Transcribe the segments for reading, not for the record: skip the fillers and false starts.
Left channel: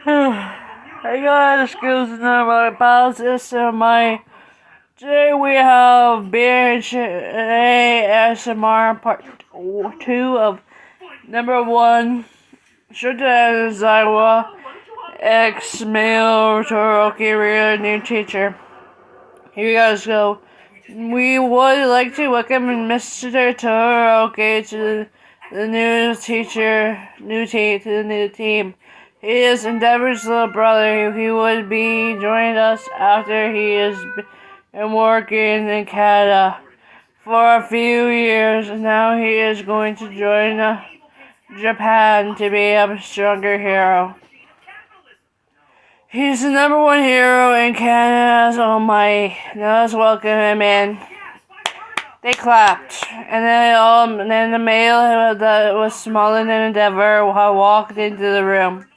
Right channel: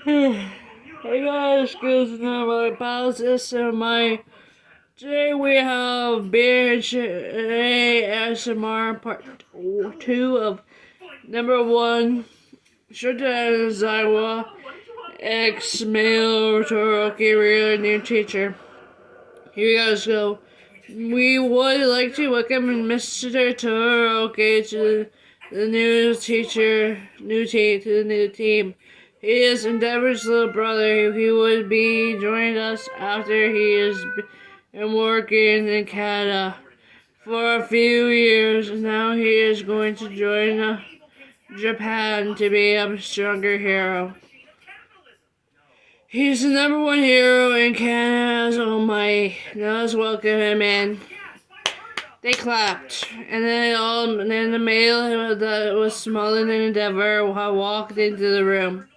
Hey guys, excuse me, my apologies. Today we have BNHA ASMR part 2 of number 1, Shouta Aizawa, ex-male todoroki real new teacher. Here you guys go. We would like to welcome Mr. Todoroki to the new teacher, to the new team. He is Endeavor's little brother. He would be joining us after he has been working in Canada for a few years. Now he is going to join Japan to be a stronger hero. He's the number 1 hero in Canada, oh my. Now let's welcome him in. They clapped, and then the male that was smaller than Endeavor walked into the room.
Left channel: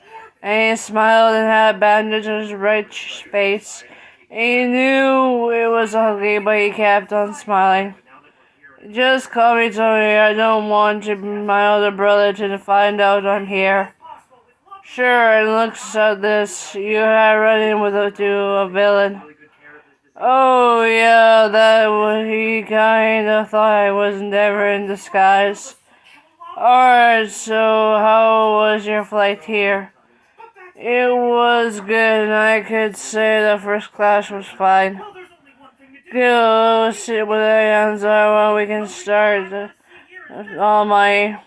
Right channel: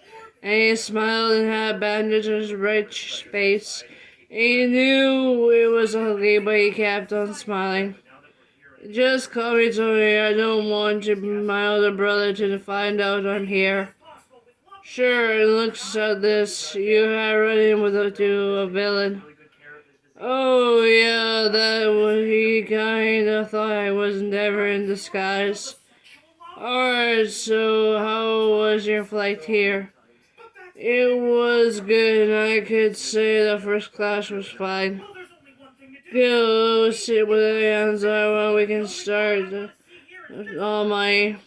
And he smiled and had a bandage on his right face. And he knew it was ugly, but he kept on smiling. Just call me Tony. I don't want my older brother to find out I'm here. Sure, it looks at this. You had running with a villain. Oh, yeah, that was, he kind of thought I was never in disguise. Alright, so how was your flight here? It was good, and I could say the first class was fine. Good, let's sit with the hands on while we can start. All my...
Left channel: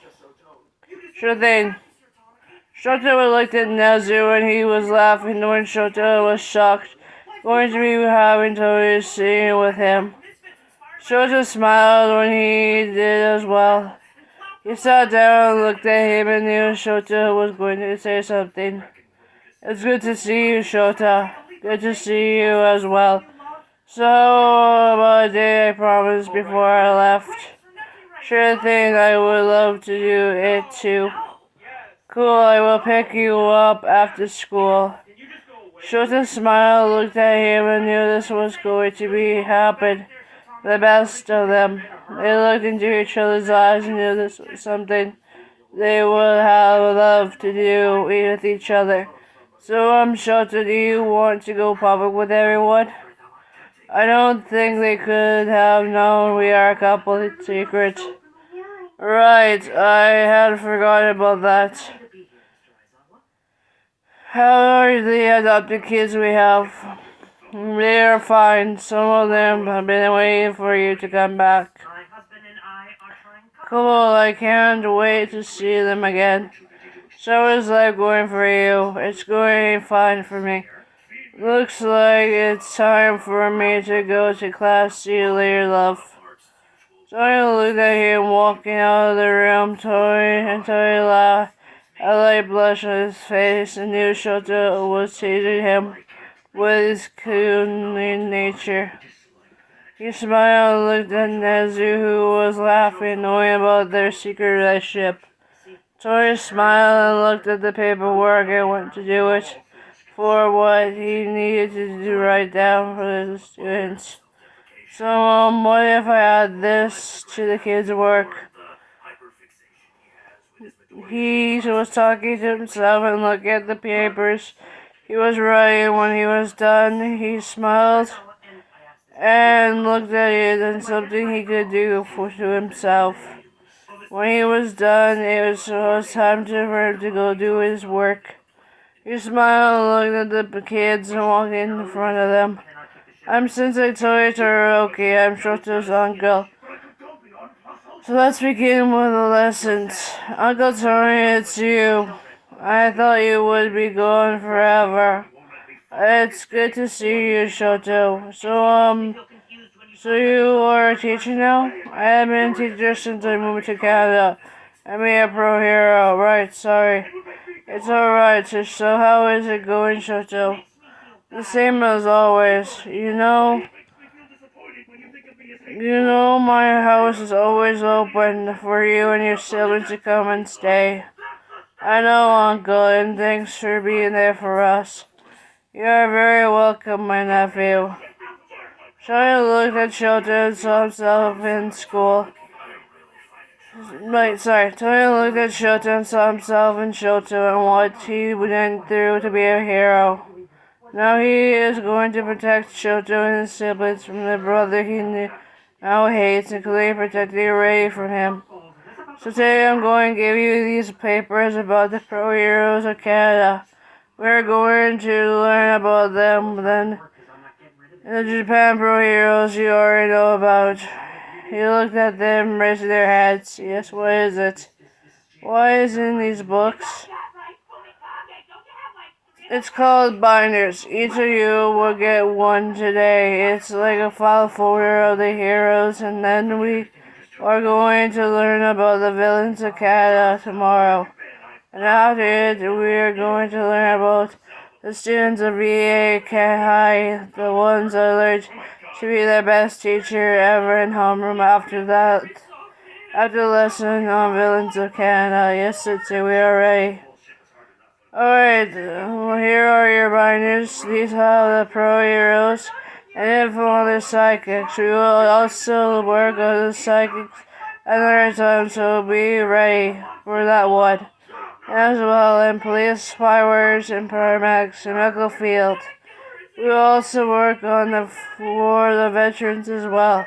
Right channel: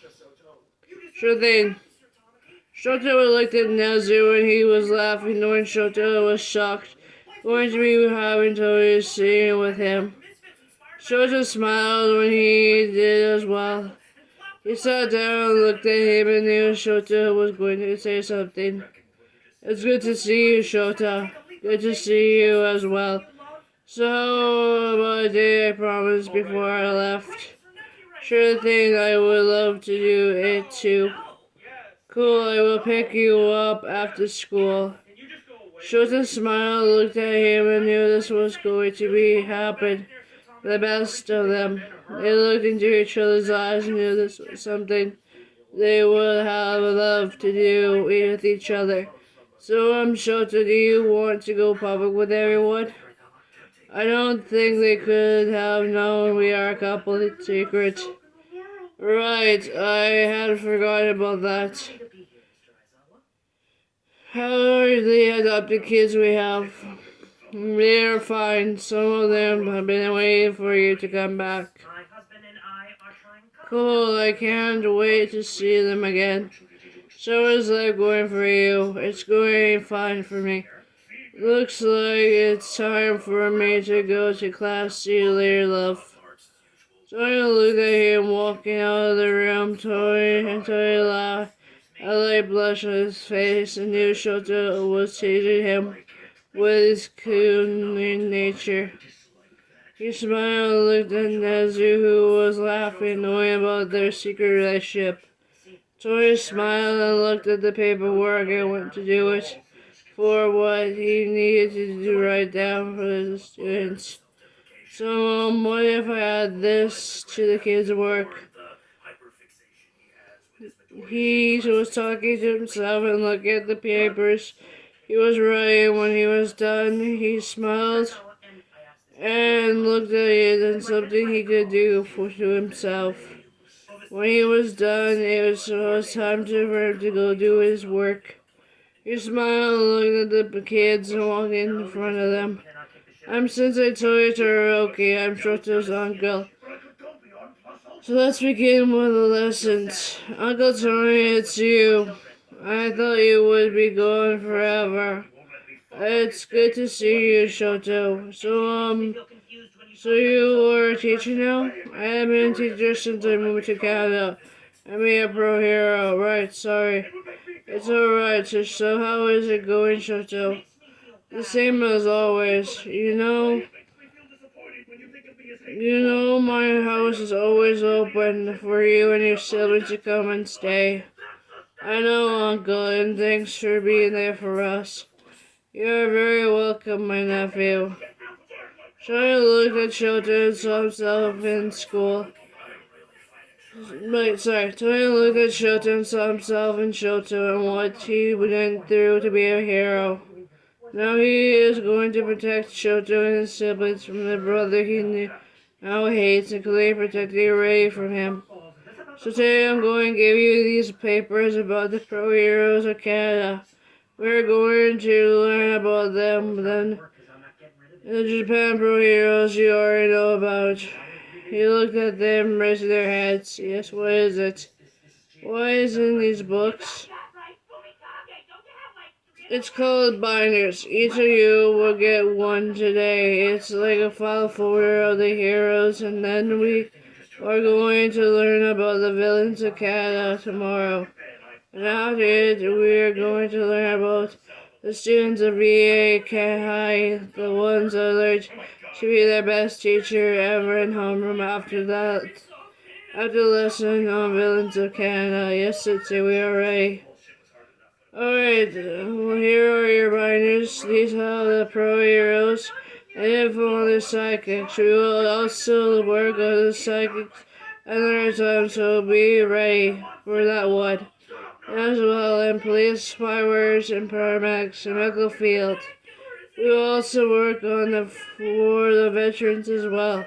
Sure thing. Shouta looked at Nezu and he was laughing when Shouta was shocked, going to be having Tori sitting with him. Shouta smiled when he did as well. He sat down and looked at him and knew Shouta was going to say something. It's good to see you, Shouta. Good to see you as well. So, about a day I promised before I left. Sure thing, I would love to do it too. Cool, I will pick you up after school. Shouta smiled, looked at him, and knew this was going to happen. The best of them. They looked into each other's eyes and knew this was something they would have loved to do with each other. So, Shouta, do you want to go public with everyone? I don't think they could have known we are a couple. It's secret. Right, I had forgotten about that. How are the adopted kids we have? They are fine. Some of them have been waiting for you to come back. Cool, I can't wait to see them again. So is life going for you? It's going fine for me. Looks like it's time for me to go to class. See you later, love. Tony looked at him walking out of the room. Tony laughed. A light blush on his face, and knew Shouta was teasing him with his cunning nature. He smiled and looked at Nezu, who was laughing, knowing about their secret relationship. Tori smiled and looked at the paperwork and went to do it for what he needed to write down for the students. So, what if I add this to the kids' work? He was talking to himself and looked at the papers he was writing. When he was done, he smiled and looked at it and something he could do to himself. When he was done, it was time for him to go do his work. He smiled and looked at the kids and walked in front of them. I'm Sensei Todoroki. I'm Shoto's uncle. So let's begin with the lessons. Uncle Tony, it's you. I thought you would be gone forever. It's good to see you, Shoto. So you are a teacher now? I have been a teacher since I moved to Canada. I'm a pro hero. Right, sorry. It's alright. So how is it going, Shoto? The same as always. My house is always open for you and your siblings to come and stay. I know, Uncle, and thanks for being there for us. You are very welcome, my nephew. Shouta looked at Shouta and saw himself in school. Tony looked at Shouta and saw himself in Shouta and what he went through to be a hero. Now he is going to protect Shouta and his siblings from the brother he now hates and clearly protecting Ray from him. So today I'm going to give you these papers about the pro heroes of Canada. We're going to learn about them, then the Japan pro heroes you already know about. He looked at them, raising their heads. Yes, what is it? What is in these books? It's called binders. Each of you will get one today. It's like a file folder of the heroes, and then we are going to learn about the villains of Canada tomorrow. And after it, we are going to learn about the students of BNHA, the ones that learned to be the best teacher ever in homeroom. After the lesson on villains of Canada. Yes, Sensei, we are ready. Alright, here are your binders. These are the pro heroes and info on the psychics. We will also work on the psychics another time, so be ready for that one. As well, in police, fireworks, and paramedics, and medical field. We will also work on for the veterans as well.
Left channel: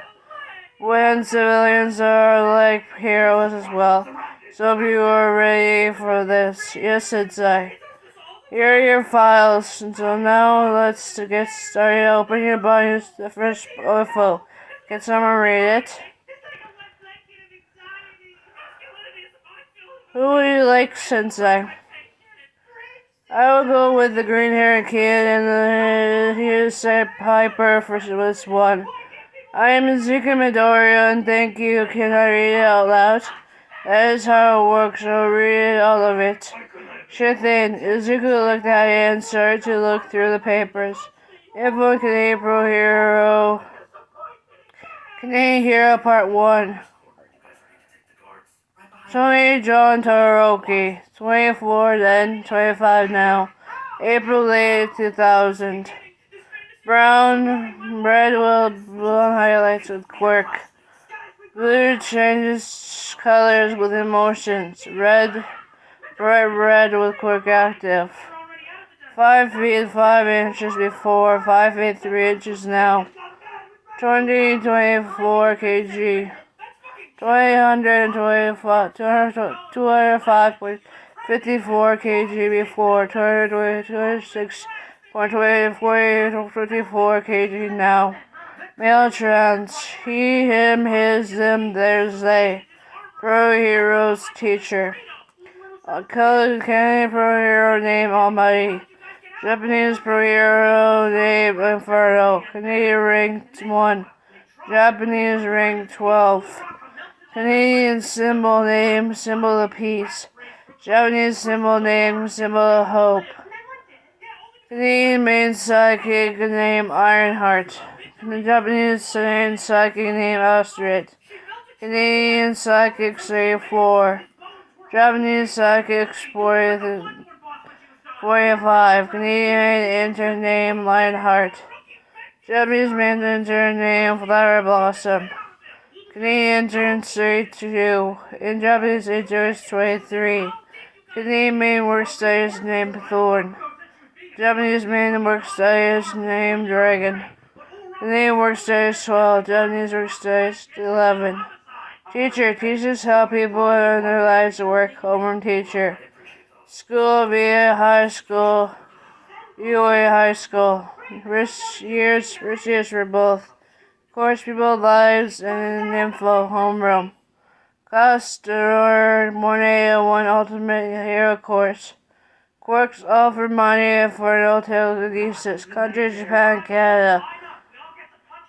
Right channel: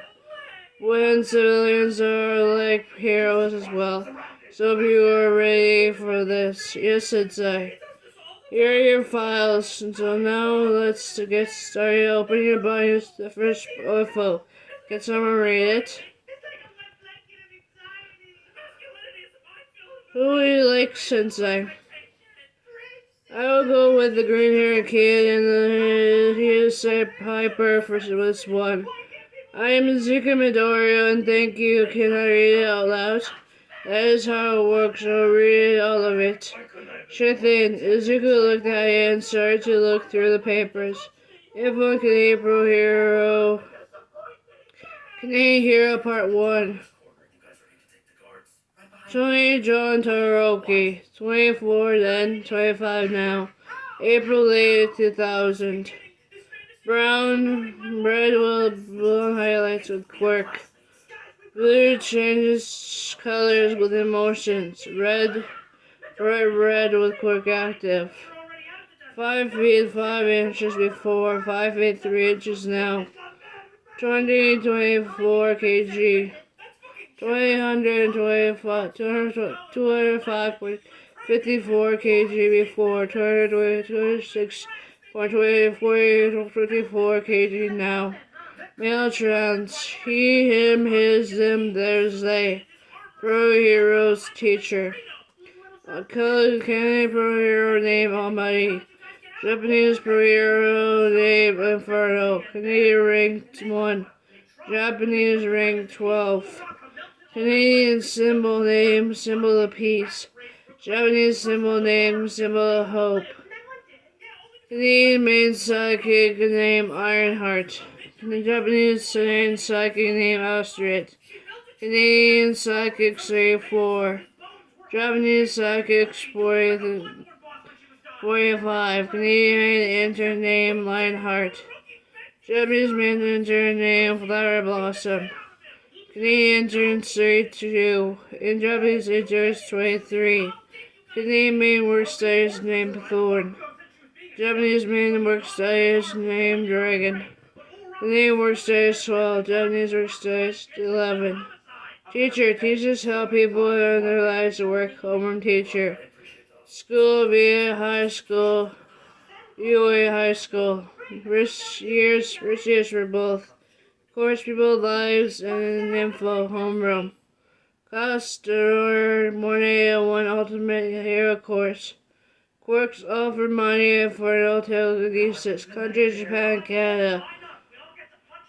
When civilians are like heroes as well. So if you are ready for this, yes, Sensei. Here are your files. So now let's get started. Open your binders. The first info. Can someone read it? Who would you like, Sensei? I will go with the green-haired kid and here's a Piper for this one. I am Izuku Midoriya, and thank you. Can I read it out loud? That is how it works, so read all of it. Sure thing. Izuku looked at it and started to look through the papers. Info Canadian Pro Hero. Canadian Hero Part 1. Tony John Todoroki. 24 then, 25 now. April 8, 2000. Brown, red with blonde highlights with quirk. Blue changes colors with emotions. Red, bright red with quirk active. 5 feet 5 inches before, 5 feet 3 inches now. 24 kg. 205.54 kg before. 226.24 kg now. Male trans. He, him, his, them, theirs, they. Pro heroes teacher. Canadian pro hero name Almighty. Japanese pro hero name Inferno. Canadian ranked 1. Japanese ranked 12. Canadian symbol name, symbol of peace. Japanese symbol name, symbol of hope. Canadian main psychic name Ironheart. The Japanese main psychic name Astrid. Canadian psychic say 4. Japanese psychic 45. Canadian intern name Lionheart. Japanese main intern name Flower Blossom. Canadian intern 32. In Japanese intern 23. Canadian main work studies named Thorn. Japanese main work studies named Dragon. Canadian work studies 12. Japanese work studies 11. Teacher teaches how people in their lives work. Homeroom teacher. School via high school. UA high school. Rich years for both. Course, people, lives, and info. Homeroom. Class Morning 1 Ultimate Hero Course. Quirks offer money for no telekinesis. Country, Japan, Canada.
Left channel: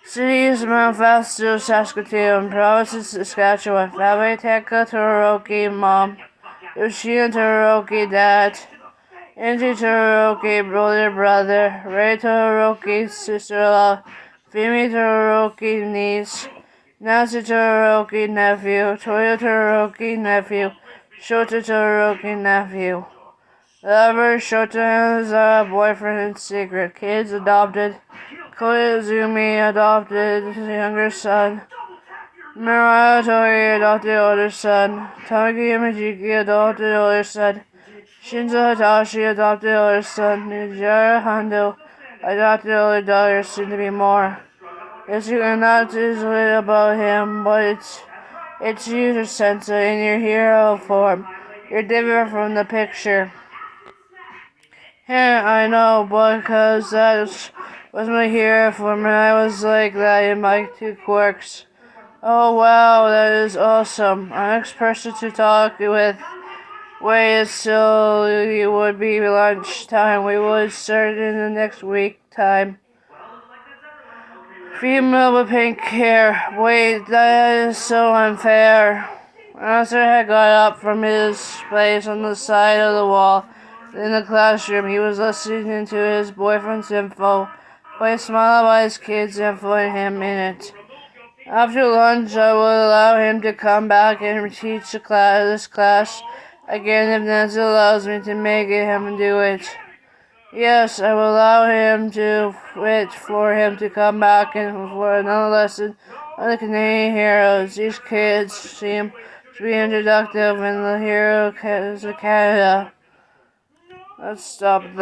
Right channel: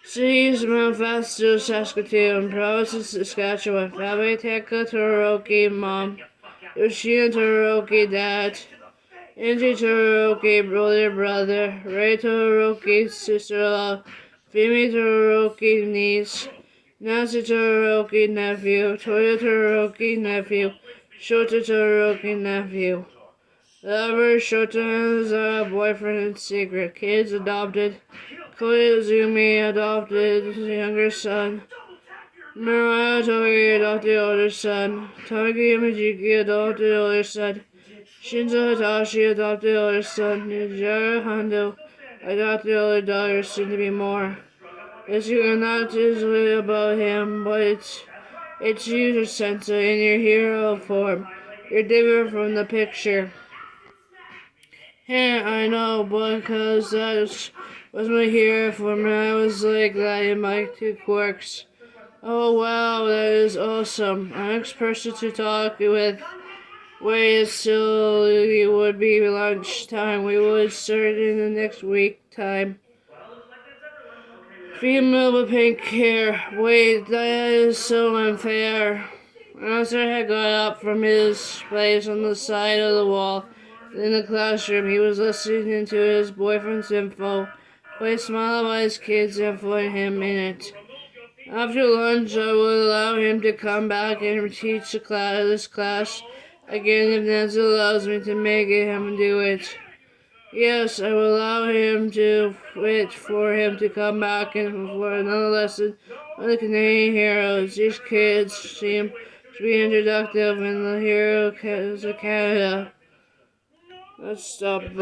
Cities, Mount Fasto, Saskatoon. Provinces, Saskatchewan. Family, Tekka Todoroki, Mom. Yoshina Todoroki, Dad. Inji Todoroki, brother. Ray Todoroki, sister-in-law. Fumi Todoroki, niece. Nancy Todoroki, nephew. Toyo Todoroki, nephew. Shouta Todoroki, nephew. Lover, Shouta Aizawa, boyfriend in secret. Kids adopted. Koizumi adopted his younger son. Muratori adopted older son. Tamaki Imajiki adopted older son. Shinzo Hitachi adopted older son. Nijara Hondo adopted older daughter, soon to be more. It's not easily about him, but it's you, Sensei, in your hero form. You're different from the picture. I know, because that was my hero form, and I was like that in my two quirks. Oh wow, that is awesome. Our next person to talk with wait till it would be lunchtime. We would start in the next week time. Female with pink hair. Wait, that is so unfair. Arthur had got up from his place on the side of the wall in the classroom. He was listening to his boyfriend's info. But he smiled by his kids' info and him in it. After lunch, I will allow him to come back and teach this class again if Nancy allows me to make him do it. Yes, I will allow him to wait for him to come back and for another lesson on the Canadian heroes. These kids seem to be introductive in the hero of Canada. Let's stop there.